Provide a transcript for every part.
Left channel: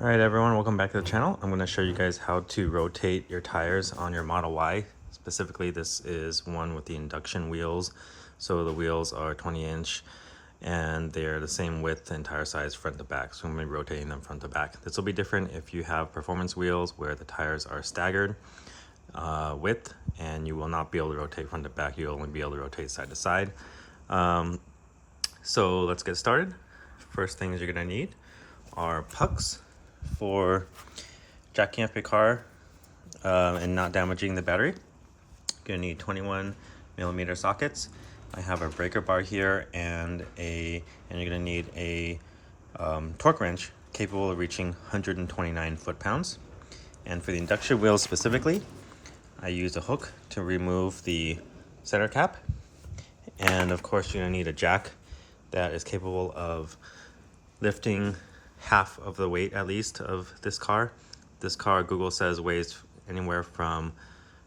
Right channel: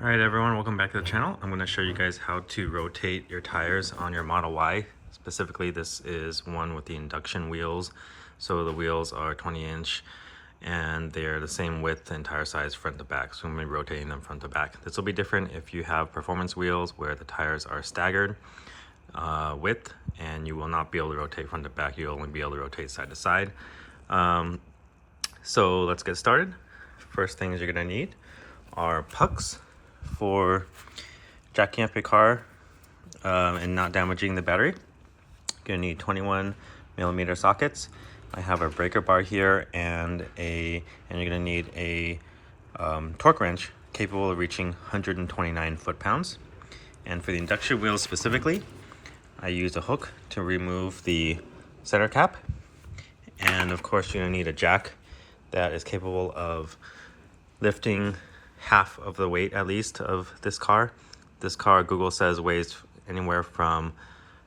All right, everyone, welcome back to the channel. I'm going to show you guys how to rotate your tires on your Model Y. Specifically, this is one with the induction wheels. So the wheels are 20-inch and they're the same width and tire size front to back. So I'm going to be rotating them front to back. This will be different if you have performance wheels where the tires are staggered width and you will not be able to rotate front to back. You'll only be able to rotate side to side. So let's get started. First things you're going to need are pucks for jacking up your car and not damaging the battery. You're gonna need 21mm sockets. I have a breaker bar here and you're gonna need a torque wrench capable of reaching 129 foot-pounds. And for the induction wheels specifically, I use a hook to remove the center cap. And of course, you're gonna need a jack that is capable of lifting half of the weight at least of this car. This car, Google says, weighs anywhere from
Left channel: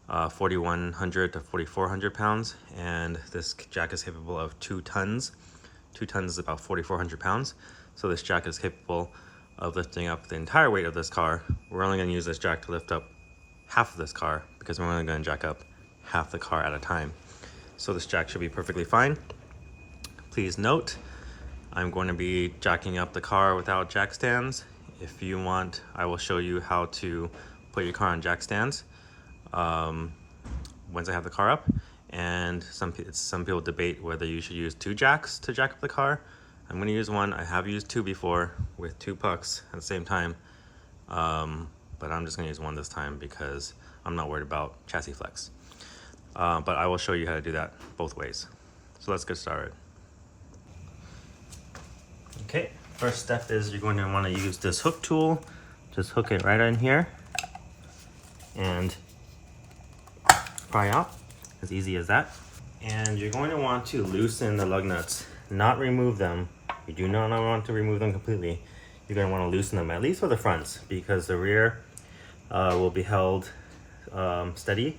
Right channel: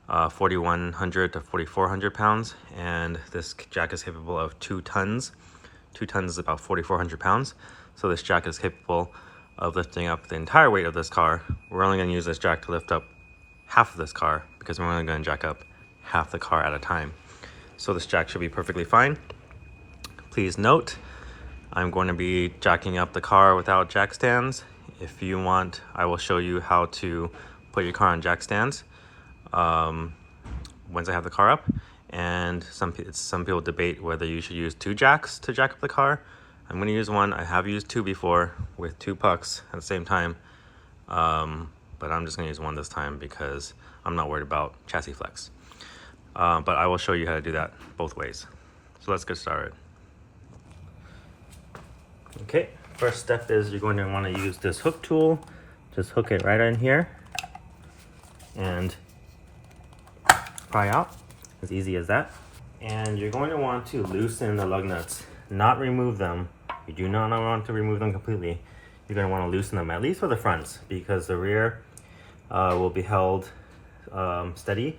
4,100 to 4,400 pounds, and this jack is capable of 2 tons. 2 tons is about 4,400 pounds. So this jack is capable of lifting up the entire weight of this car. We're only going to use this jack to lift up half of this car because we're only going to jack up half the car at a time. So this jack should be perfectly fine. Please note, I'm going to be jacking up the car without jack stands. If you want, I will show you how to put your car on jack stands once I have the car up. And some people debate whether you should use 2 jacks to jack up the car. I'm going to use one. I have used 2 before with 2 pucks at the same time, but I'm just going to use one this time because I'm not worried about chassis flex. But I will show you how to do that both ways. So let's get started. Okay, first step is you're going to want to use this hook tool. Just hook it right in here and pry out, as easy as that. And you're going to want to loosen the lug nuts, not remove them. You do not want to remove them completely. You're going to want to loosen them, at least for the fronts, because the rear will be held steady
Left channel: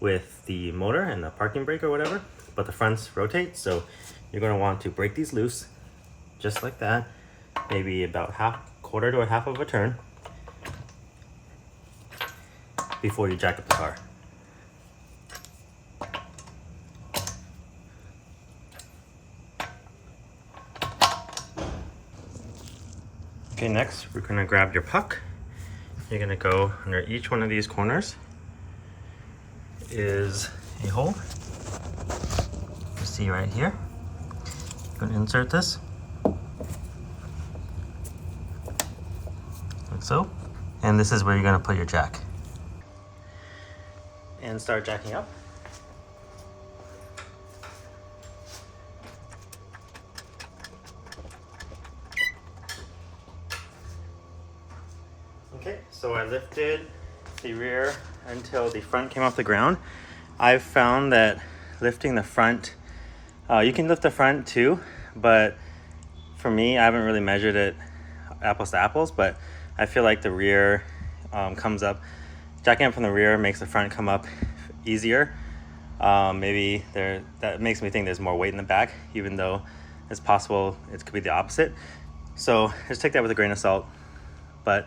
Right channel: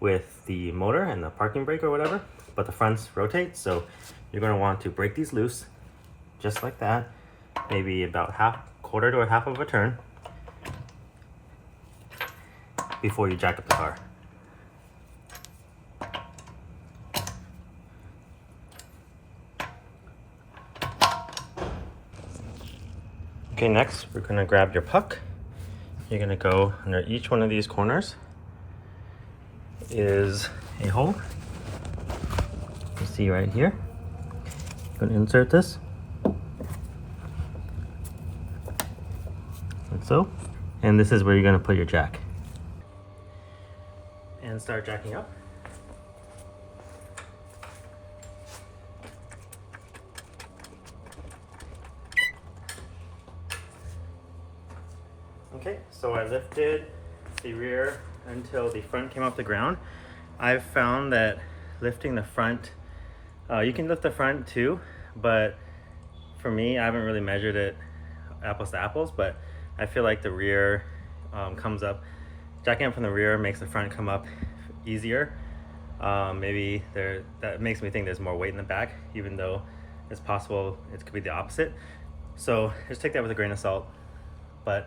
with the motor and the parking brake or whatever, but the fronts rotate. So you're going to want to break these loose, just like that, maybe about quarter to a half of a turn before you jack up the car. Okay, next we're gonna grab your puck. You're gonna go under each one of these corners is a hole. You see right here. You're gonna insert this. Like so. And this is where you're gonna put your jack. And start jacking up. Okay, so I lifted the rear until the front came off the ground. I've found that lifting the front, you can lift the front too, but for me, I haven't really measured it apples to apples, but I feel like the rear comes up. Jacking up from the rear makes the front come up easier. Maybe that makes me think there's more weight in the back, even though it's possible it could be the opposite. So just take that with a grain of salt. But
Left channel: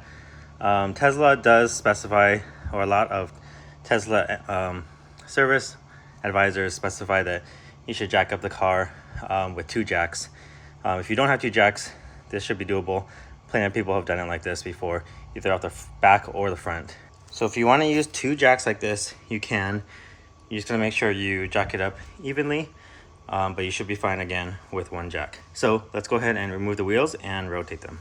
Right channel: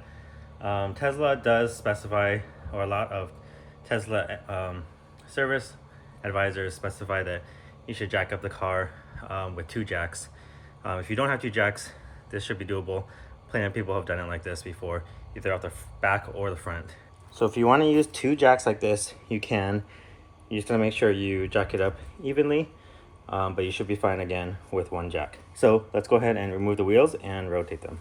Tesla does specify, or a lot of Tesla service advisors specify that you should jack up the car with 2 jacks. If you don't have 2 jacks, this should be doable. Plenty of people have done it like this before, either off the back or the front. So if you want to use 2 jacks like this, you can. You just gotta make sure you jack it up evenly, but you should be fine again with 1 jack. So let's go ahead and remove the wheels and rotate them.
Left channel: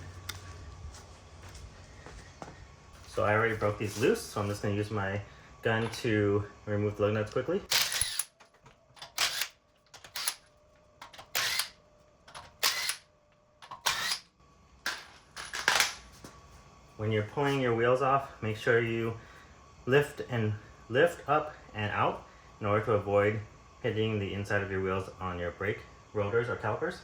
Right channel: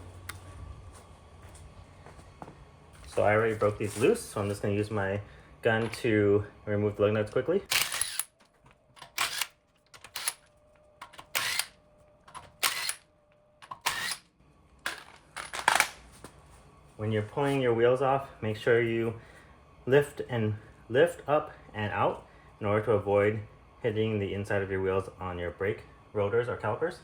So I already broke these loose, so I'm just gonna use my gun to remove the lug nuts quickly. When you're pulling your wheels off, make sure you lift up and out in order to avoid hitting the inside of your wheels on your brake rotors or calipers.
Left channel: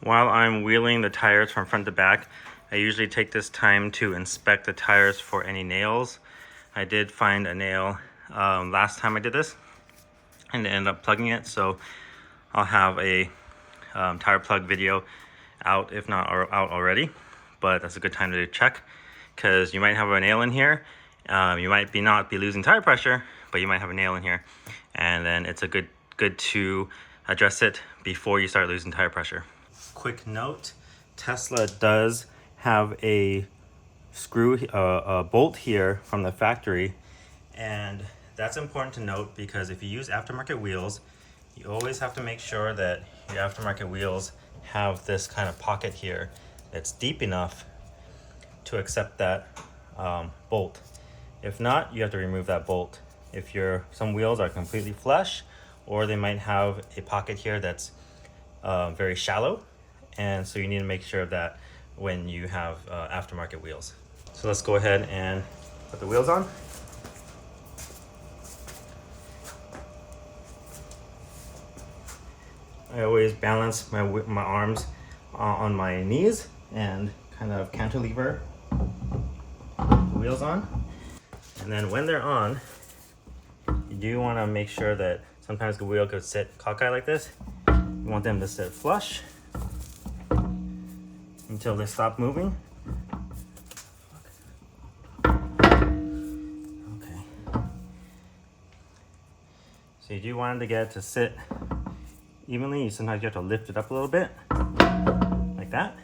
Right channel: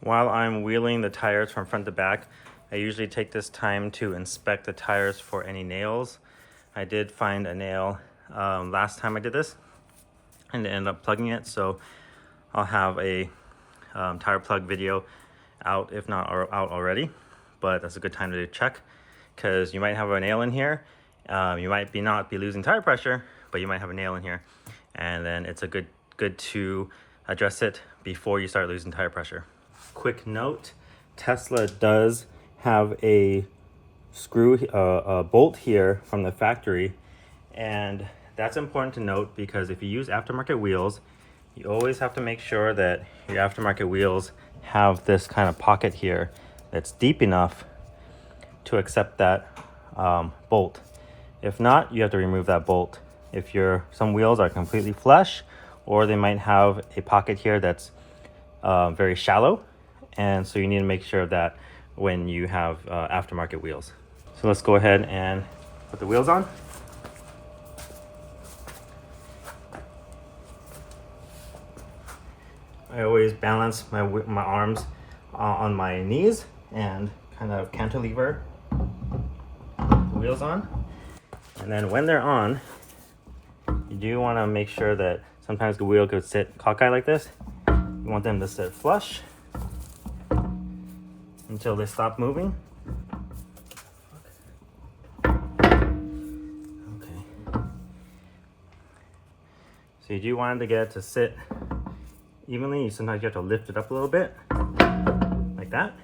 While I'm wheeling the tires from front to back, I usually take this time to inspect the tires for any nails. I did find a nail last time I did this and ended up plugging it, so I'll have a tire plug video out, if not out already, but that's a good time to check because you might have a nail in here. You might not be losing tire pressure, but you might have a nail in here, and then it's a good to address it before you start losing tire pressure. Quick note, Tesla does have a screw, a bolt here from the factory, and that's important to note because if you use aftermarket wheels, you always have to make sure that your aftermarket wheels have this kind of pocket here that's deep enough to accept that bolt. If not, you have to remove that bolt. If some wheels are completely flush, or they might have a pocket here that's very shallow, and so you need to make sure of that when you have aftermarket wheels. So let's go ahead and put the wheels on. I always balance my arms on my knees and kind of cantilever the wheels on. And then when they're on, you do want to make sure that sometimes the wheel could sit cockeyed like this. You want them to sit flush until they stop moving. Okay. So you do want it to sit evenly. Sometimes you have to lift it up a little bit, like that.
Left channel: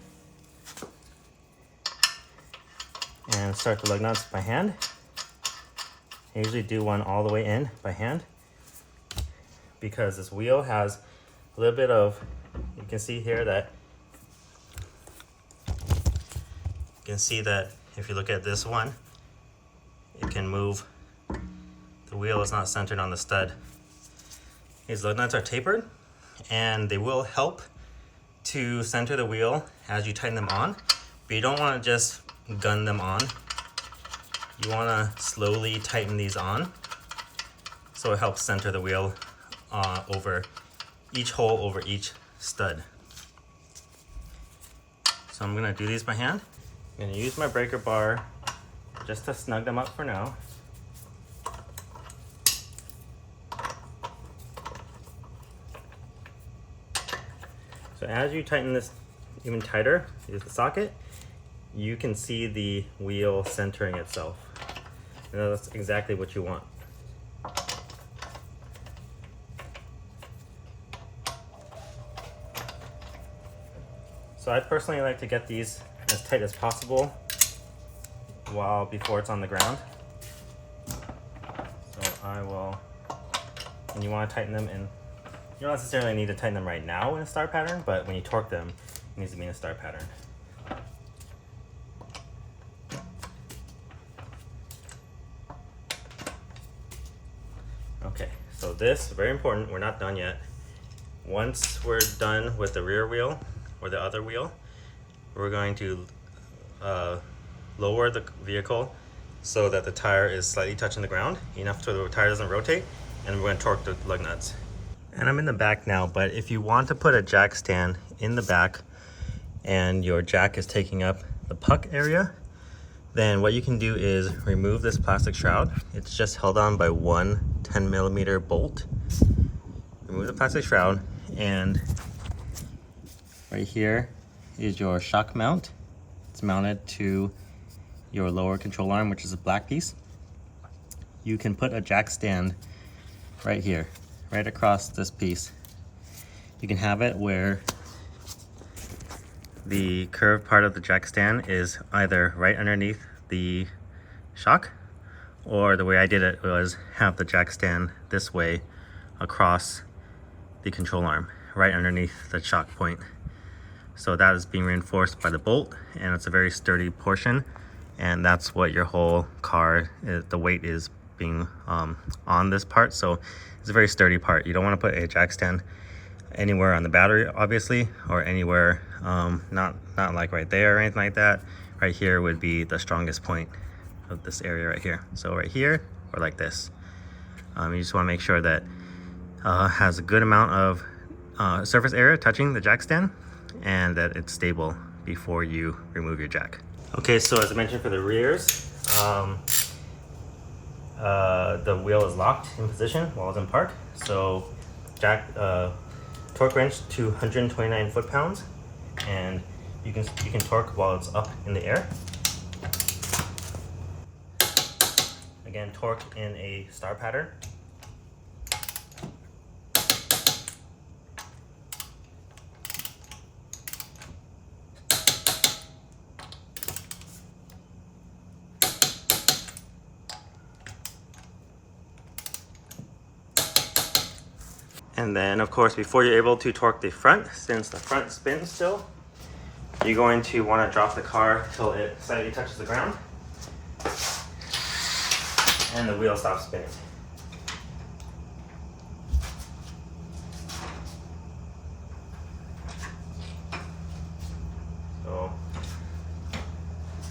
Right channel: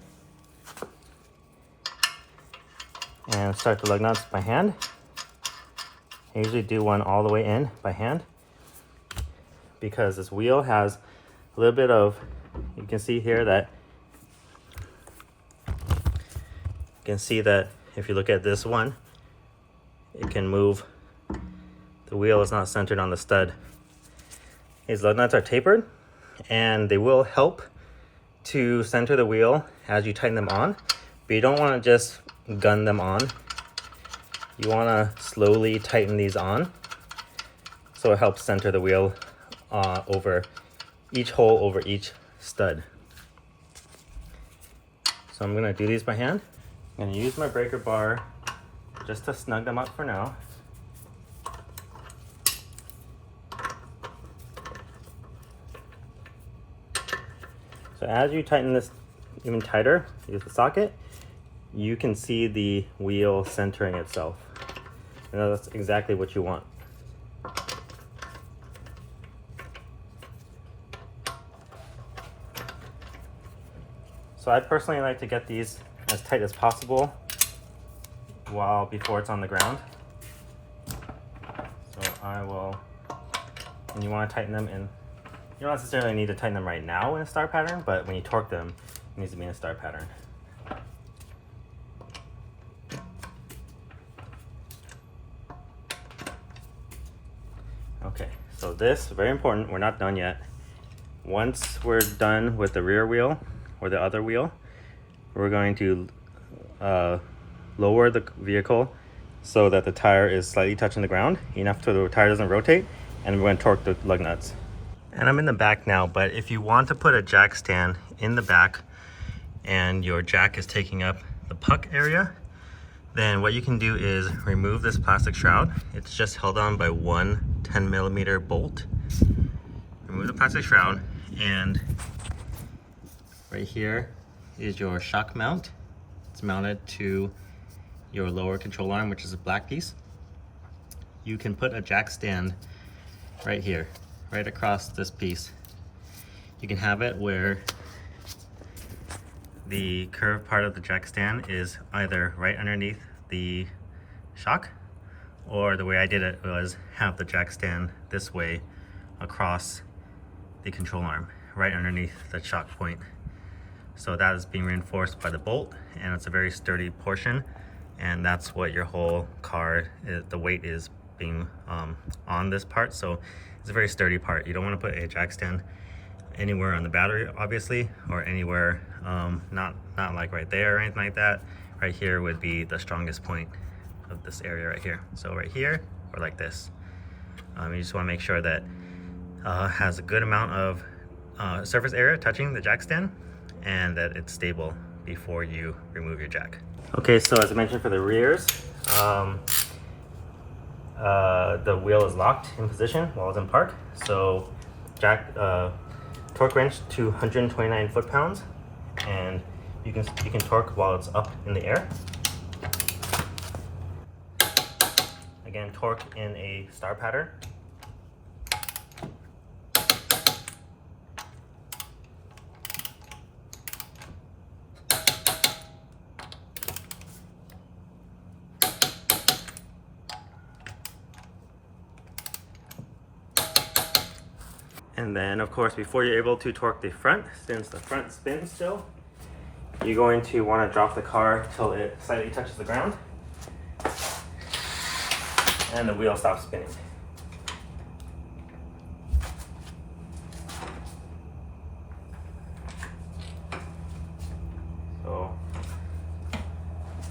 And start the lug nuts by hand. I usually do one all the way in by hand because this wheel has a little bit of, you can see here that, if you look at this one, it can move. The wheel is not centered on the stud. These lug nuts are tapered, and they will help to center the wheel as you tighten them on, but you don't want to just gun them on. You want to slowly tighten these on so it helps center the wheel over each hole over each stud. So I'm going to do these by hand. I'm going to use my breaker bar just to snug them up for now. So as you tighten this even tighter, use the socket, you can see the wheel centering itself. And that's exactly what you want. So I personally like to get these as tight as possible before it's on the ground. So I will, and you want to tighten them in. You don't necessarily need to tighten them right now in a star pattern, but when you torque them, it needs to be in a star pattern. Okay, so this, very important, we're not done yet. Once we're done with the rear wheel or the other wheel, we're going to lower the vehicle so that the tire is slightly touching the ground, enough so the tire doesn't rotate, and we're going to torque the lug nuts. And I'm in the back now, but if you want to put a jack stand in the back and your jack is taking up the puck area, then what you can do is remove this plastic shroud. It's just held on by one 10mm bolt. Remove the plastic shroud, and right here is your shock mount. It's mounted to your lower control arm, which is a black piece. You can put a jack stand right here, right across this piece. You can have it where the curved part of the jack stand is either right underneath the shock, or the way I did it was have the jack stand this way across the control arm, right underneath the shock point. So that is being reinforced by the bolt, and it's a very sturdy portion, and that's what your whole car, the weight is being on this part. So it's a very sturdy part. You don't want to put a jack stand anywhere on the battery, obviously, or anywhere, not like right there or anything like that. Right here would be the strongest point of this area right here. So right here, or like this. You just want to make sure that has a good amount of surface area touching the jack stand, and that it's stable before you remove your jack. Okay, so as I mentioned for the rears, the wheel is locked in position while it's in park. So torque wrench to 129 foot-pounds, and you can torque while it's up in the air. Again, torque in a star pattern. And then, of course, before you're able to torque the front, since the front spins still, you're going to want to drop the car till it slightly touches the ground, and the wheel stops spinning. So,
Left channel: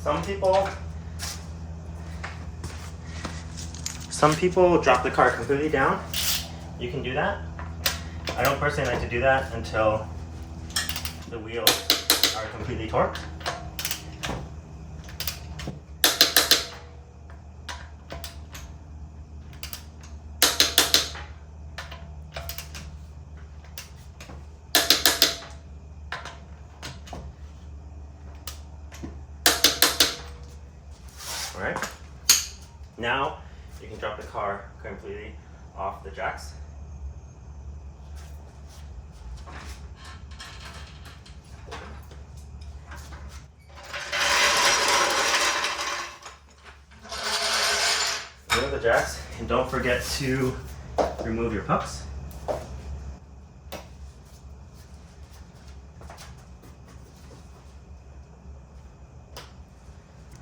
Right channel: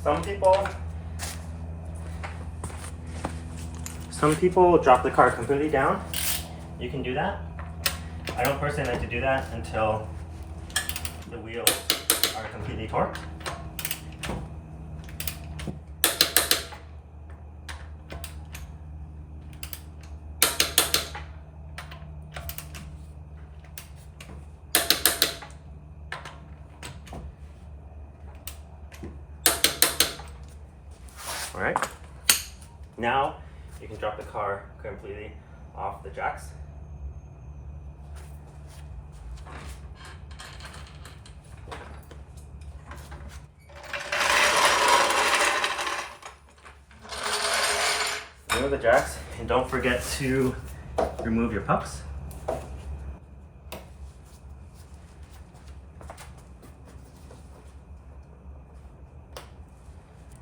some people drop the car completely down. You can do that. I don't personally like to do that until the wheels are completely torqued. All right. Now you can drop the car completely off the jacks. Remove the jacks, and don't forget to remove your pucks.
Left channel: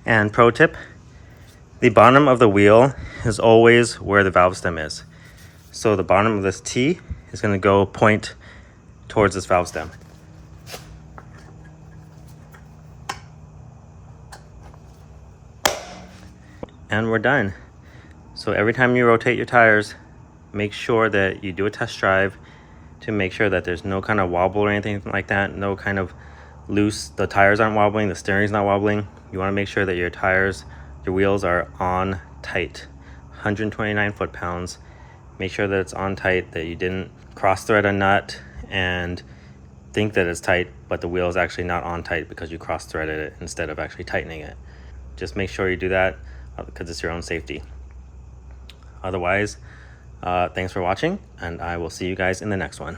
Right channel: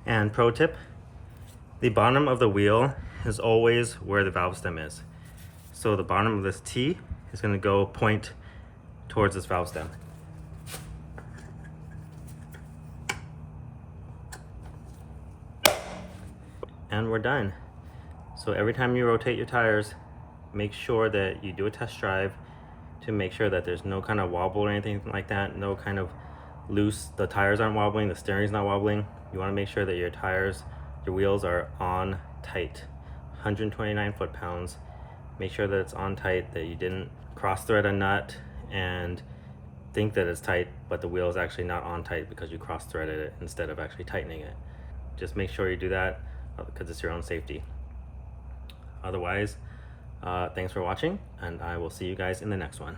And pro tip, the bottom of the wheel is always where the valve stem is. So the bottom of this T is going to go point towards this valve stem. And we're done. So every time you rotate your tires, make sure that you do a test drive to make sure that there's no kind of wobble or anything like that, no kind of loose, the tires aren't wobbling, the steering's not wobbling. You want to make sure that your tires, your wheels are on tight, 129 foot-pounds. Make sure that it's on tight, that you didn't cross thread a nut and think that it's tight, but the wheel is actually not on tight because you cross threaded it instead of actually tightening it. Just make sure you do that because it's your own safety. Otherwise, thanks for watching, and I will see you guys in the next one.